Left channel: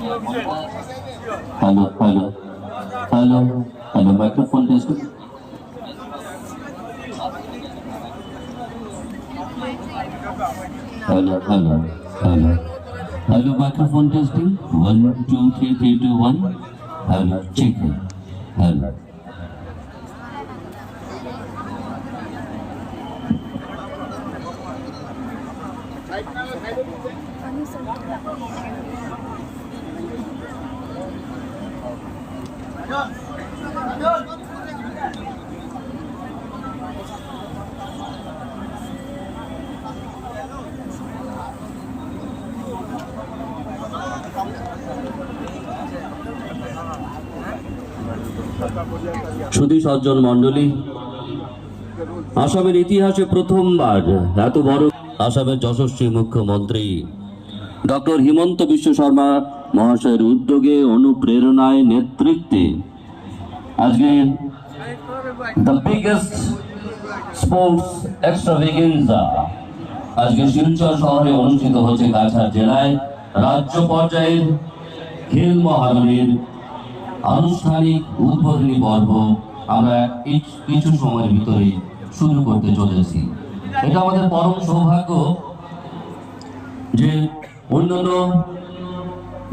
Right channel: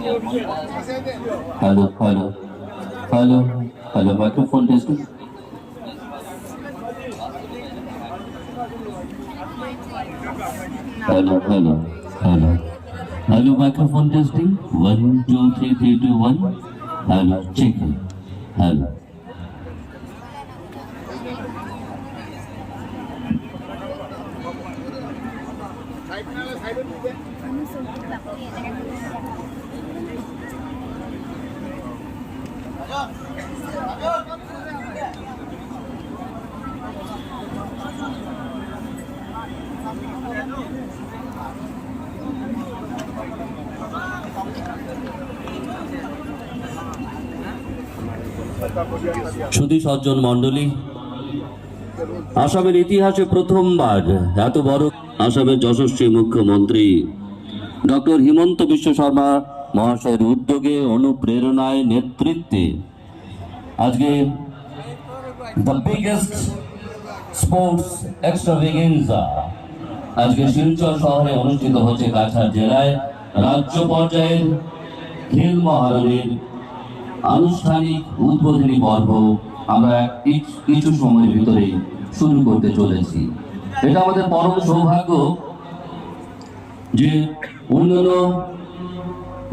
Hello, hello, hello, hello. Microphone testing. Hello, hello, hello. Hello, microphone testing. 1, 2, 3, 3, 2, 1. Hello, check it. Hello. সুধী সজ্জন মণ্ডলী, আসামের ইতিহাসে প্রথমবার এত বড় আসামের যশস্বী মুখ্যমন্ত্রী ডক্টর হিমন্ত বিশ্ব শর্মা মহাশয়ের উদ্যোগে, অনুপ্রেরণায়, নেতৃত্বে আজকে দ্য বিগেস্ট স্পোর্টস এক্সট্রাভেগেন্সা আজকে শিলচর শহরে অনুষ্ঠিত হচ্ছে কাছাড় জেলায়। রাজ্য পর্যায়ের খেল মহারণের আনুষ্ঠানিক উদ্বোধনী পর্ব আমরা কিছু সময়ের ভিতরে শুরু করতে চলেছি। এটা আমাদের পরম সৌভাগ্য যে অন্যান্য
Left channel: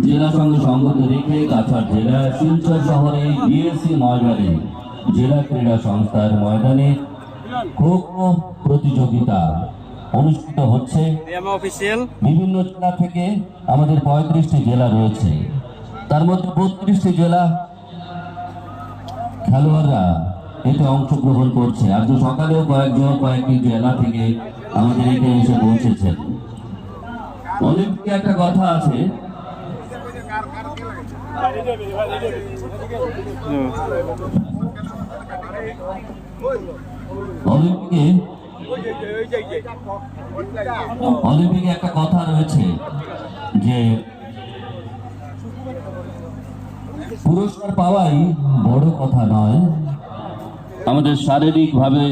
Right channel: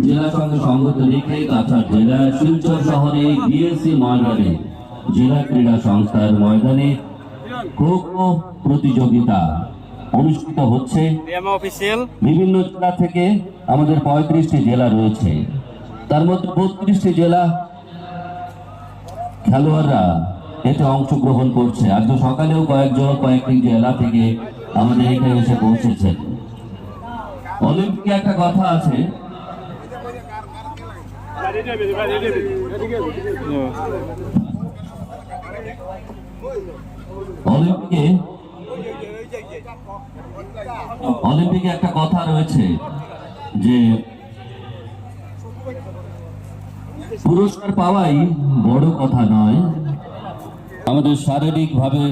জেলার সঙ্গে সঙ্গত রেখে কাছাড় জেলার শিলচর শহরে বিএসসি ময়দানে জেলা ক্রীড়া সংস্থার ময়দানে খো খো প্রতিযোগিতা অনুষ্ঠিত হচ্ছে। বিভিন্ন জেলা থেকে আমাদের 35টি জেলা রয়েছে, তার মধ্যে 32টি জেলা খেলোয়াড়রা এতে অংশগ্রহণ করছে। আজকে সকালেও কয়েকটি জেলা থেকে আমাদের এখানে এসে পৌঁছেছেন। অলিম্পিকে একটা কথা আছে, অলিম্পিকে একটা কথা রয়েছে যে পুরস্কার পাওয়াই বড় কথা নয়, আমাদের শারীরিক ভাবে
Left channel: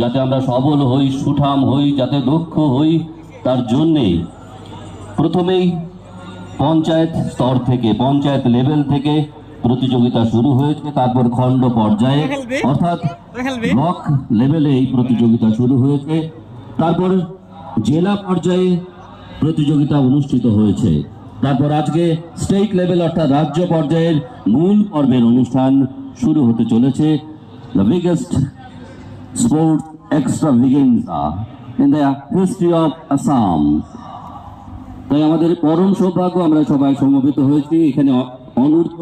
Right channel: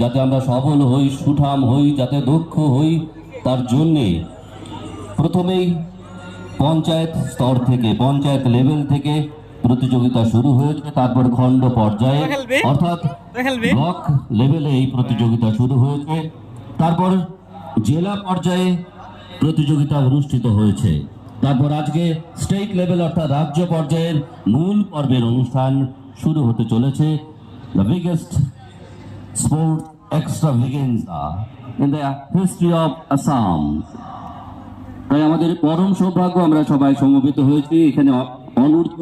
যাতে আমরা সবল হই, সুঠাম হই, যাতে দক্ষ হই, তার জন্যে প্রথমেই পঞ্চায়েত স্তর থেকে, পঞ্চায়েত লেভেল থেকে প্রতিযোগিতা শুরু হয়েছে। তারপর খণ্ড পর্যায়ে অর্থাৎ ব্লক লেভেলে এই প্রতিযোগিতা শুরু হয়েছে। তারপর জেলা পর্যায়ে প্রতিযোগিতা অনুষ্ঠিত হয়েছে। তারপর আজকে স্টেট লেভেল অর্থাৎ রাজ্য পর্যায়ের মূল পর্বের অনুষ্ঠান শুরু হতে চলেছে। The biggest sports extravaganza in the history of Assam. তাই আমাদের পরম সৌভাগ্য, আমরা সবাই সমবেত হয়েছি এখানে। অনূর্ধ্ব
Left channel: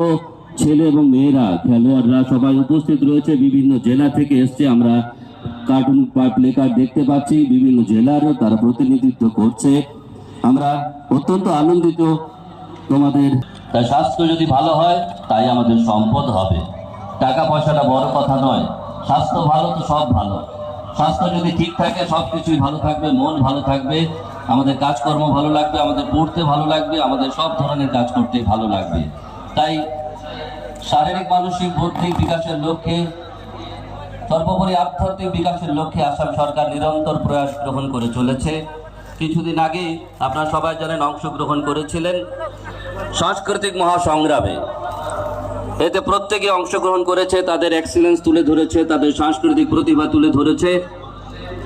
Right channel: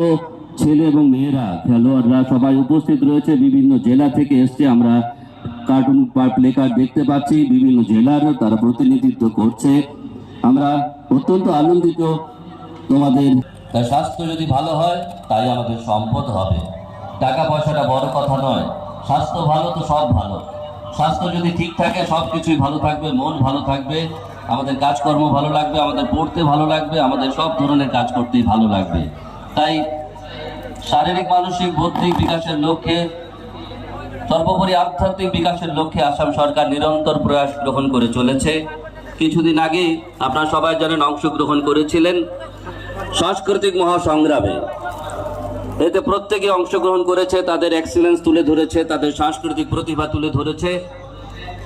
ছেলে এবং মেয়েরা খেলোয়াড়রা সবাই উপস্থিত রয়েছে, বিভিন্ন জেলা থেকে এসছে। আমরা কার্টুন বা প্লে কার্ড দেখতে পাচ্ছি, বিভিন্ন জেলার তারা প্রতিনিধিত্ব করছে। আমরা অত্যন্ত আনন্দিত তোমাদের। তাই স্বাস্থ্য যদি ভালো হয় তাই আমাদের সম্পদ হবে। টাকা পয়সাটা বড় কথা নয়, স্বাস্থ্য ভালো তো সব ভালো। স্বাস্থ্য যদি ঠিক থাকে সব কিছুই ভালো থাকবে, মন ভালো থাকবে, আমাদের কাজকর্ম ভালো লাগবে, আমাদের পড়তে ভালো লাগবে, আমাদের সব ধরনের কাজ করতে ভালো লাগবে। তাই শারীরিক মানসিক বৌদ্ধিক বিকাশের লক্ষ্যে, সর্বোপরি আধ্যাত্মিক বিকাশের লক্ষ্যে আসাম সরকার নিরন্তর প্রয়াস গ্রহণ করে চলেছে। কিছুদিন আগে আপনারা সবাই জানেন অংশগ্রহণ করেছিলেন সাংস্কৃতিক মহাসংগ্রামে। এতে প্রত্যেকে অংশগ্রহণ করেছে, তাদের এক্সিলেন্স তুলে ধরেছে, তাদের সাংস্কৃতিক প্রতিভা তুলে ধরেছে।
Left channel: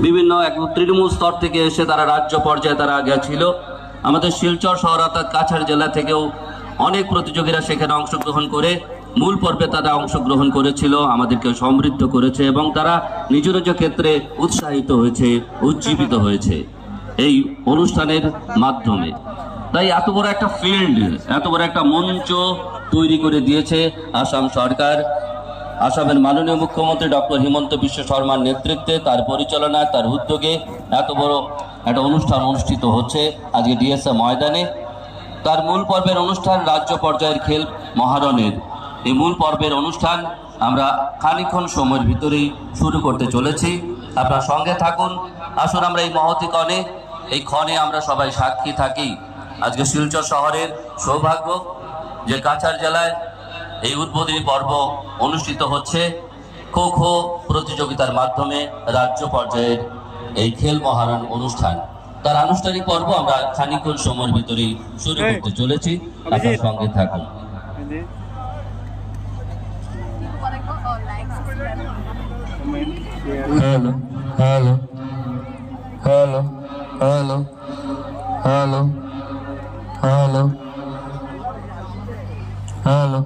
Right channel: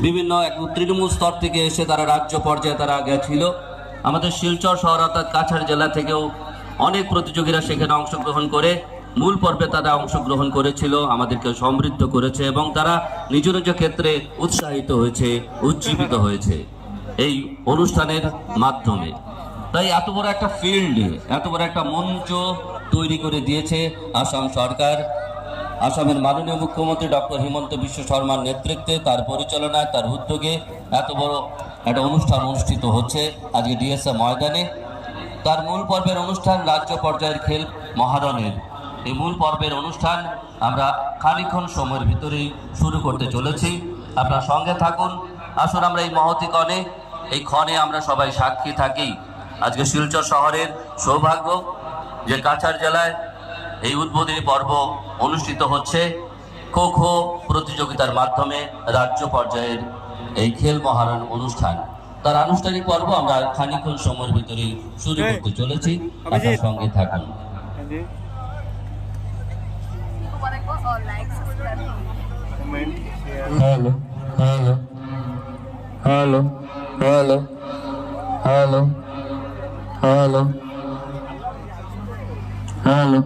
বিভিন্ন তৃণমূল স্তর থেকে এসে তারা রাজ্য পর্যায়ে তারা গেছিল। আমাদের শিলচর শহর অর্থাৎ কাছাড় জেলা থেকেও অনেক প্রতিযোগীরা সেখানে অংশগ্রহণ করে মূল পর্বে তারা অংশগ্রহণ করেছিল, আমাদেরকে সমৃদ্ধ করেছে এবং তারা নিজ নিজ ক্ষেত্রে উৎসাহিত হয়েছে, উজ্জীবিত হয়েছে এই অনুষ্ঠানের মাধ্যমে। তাই এত বড় একটা ফিল্ড, এত বড় একটা মঞ্চ তৈরি করে দিয়েছে আসাম সরকার। আসামের মাননীয় মুখ্যমন্ত্রী ডক্টর হিমন্ত বিশ্ব শর্মার নেতৃত্বে, তার পরিচালনায়, তার উদ্যোগে এত বড় একটা অনুষ্ঠান অনুষ্ঠিত হচ্ছে আজকে ডিএসএ ময়দানে। তার মূল পর্বের অনুষ্ঠান রাজ্য পর্যায়ের খেল মহারণের এই মূল পর্বের অনুষ্ঠান আমরা খানিকক্ষণ সময়ের ভিতরেই শুরু করতে চলেছি। আপনার সঙ্গে থাকুন, আসুন আমরা এই মহতি ক্ষণে, এই ক্ষণে আমরা সবাই সাক্ষী থাকি। আজকে শিলচর শহরের সৌভাগ্য যে কাছাড় জেলায় এই উদ্বোধনী পর্ব অনুষ্ঠিত হচ্ছে খো খো প্রতিযোগিতার মাধ্যমে রাজ্য পর্যায়ের এই খেল মহারণ অনুষ্ঠান। তার আনুষ্ঠানিক পর্ব আমরা খানিকক্ষণ সময়ের ভিতরেই শুরু করতে চলেছি। আপনার সঙ্গে থাকুন। Hello hello hello hello hello hello hello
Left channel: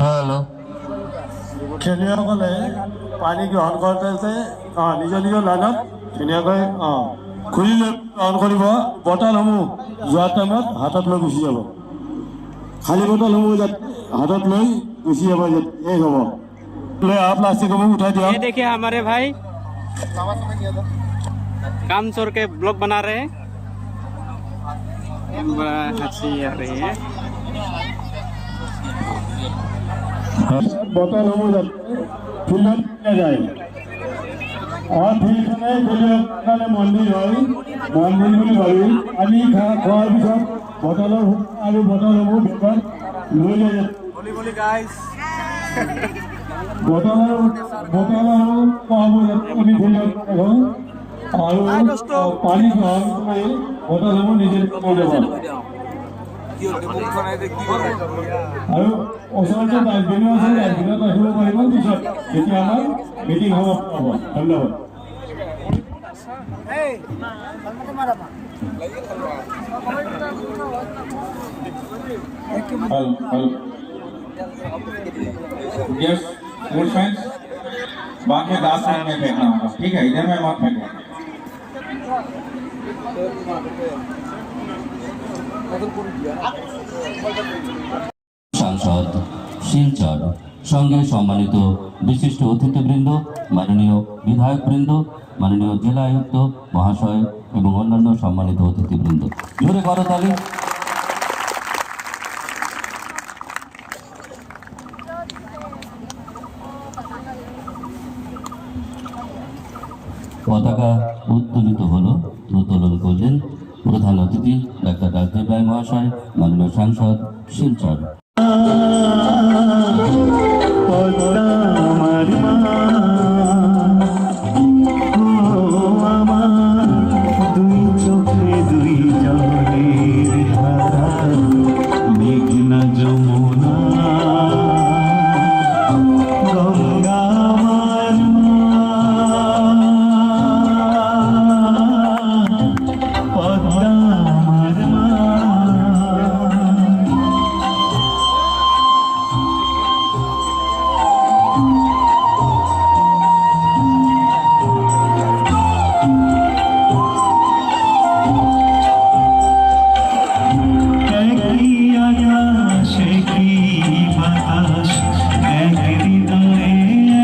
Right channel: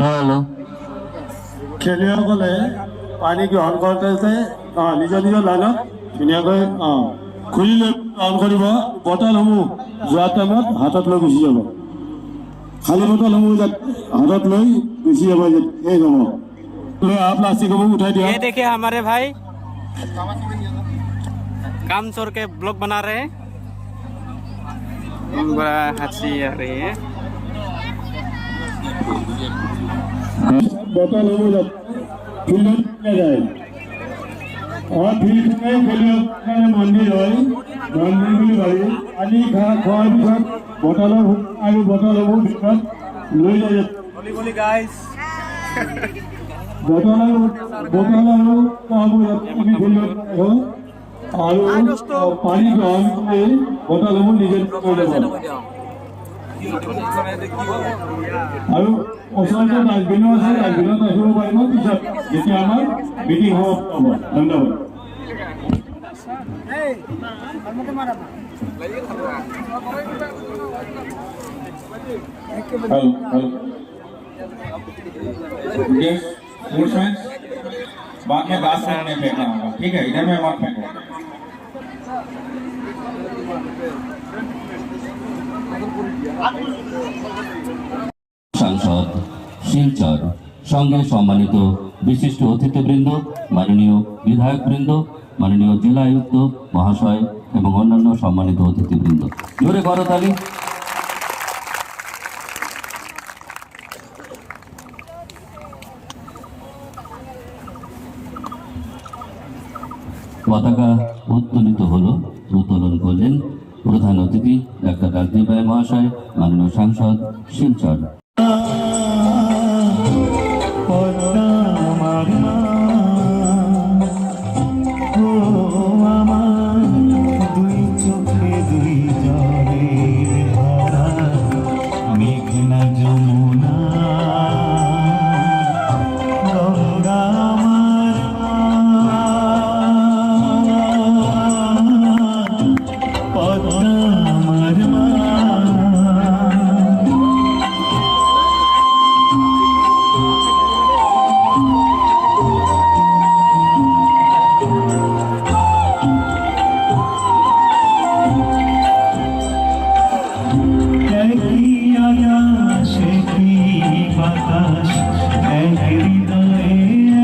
hello খেলুৱৈসকলে পানী গ্ৰহণ কৰোঁতে নিজৰ নিজৰ লাইনত ধুনীয়াকৈ খুলি লৈ গ্ৰহণ কৰিব। বটলসমূহ যোৱাৰ টাইমত হাতত লৈ গুচি যাব। খালী বটলসমূহ যাতে হাতত লৈ গুচি যাব শেষ হ'ব। প্লাষ্টিকসমূহ উঠাই দিয়ক। ये देखिए हमारे भाई काम चोर के ब्लॉग बना रहे हैं। बड़ा हंसी आ रही है। বটলসমূহ যাতে ফিল্ডত যায়। ফিল্ডখনে খেলুৱৈসকলে মন্দিৰ হয়, মন্দিৰ বুলি ভাবি পানী খোৱাৰ পিছত বটলসমূহ আৰু বটলসমূহ বেগত লৈ যায়। বটলসমূহ আৰু পানী গ্ৰহণ কৰি বটলসমূহ নিজে লৈ যাব। আৰু ওচৰতে ডাষ্টবিনো আছে, ডাষ্টবিনত ৰাখিব পাৰিব পিছত যেতিয়া আমাৰ মিটিং হ'ব। ধন্যবাদ। यस गुड फ्रेंड्स बाकी ग्लास में फेंकना होगा, ठीक है, इधर में मत फेंको। সাংসদ শিলচর সঙ্গে সম্মানিত বিশিষ্ট অতিথিবৃন্দ, মাননীয় বিধায়কবৃন্দ, মাননীয় জেলা আয়ুক্ত মহাশয় এবং অন্যান্য সম্মানিত অতিথিবৃন্দ, জোরে করতালি। পতাকা উত্তোলিত হলো, উত্তোলন করলেন প্রধান অতিথি ডাক্তার রাজদীপ রায় মহাশয়, মাননীয় সাংসদ শিলচর।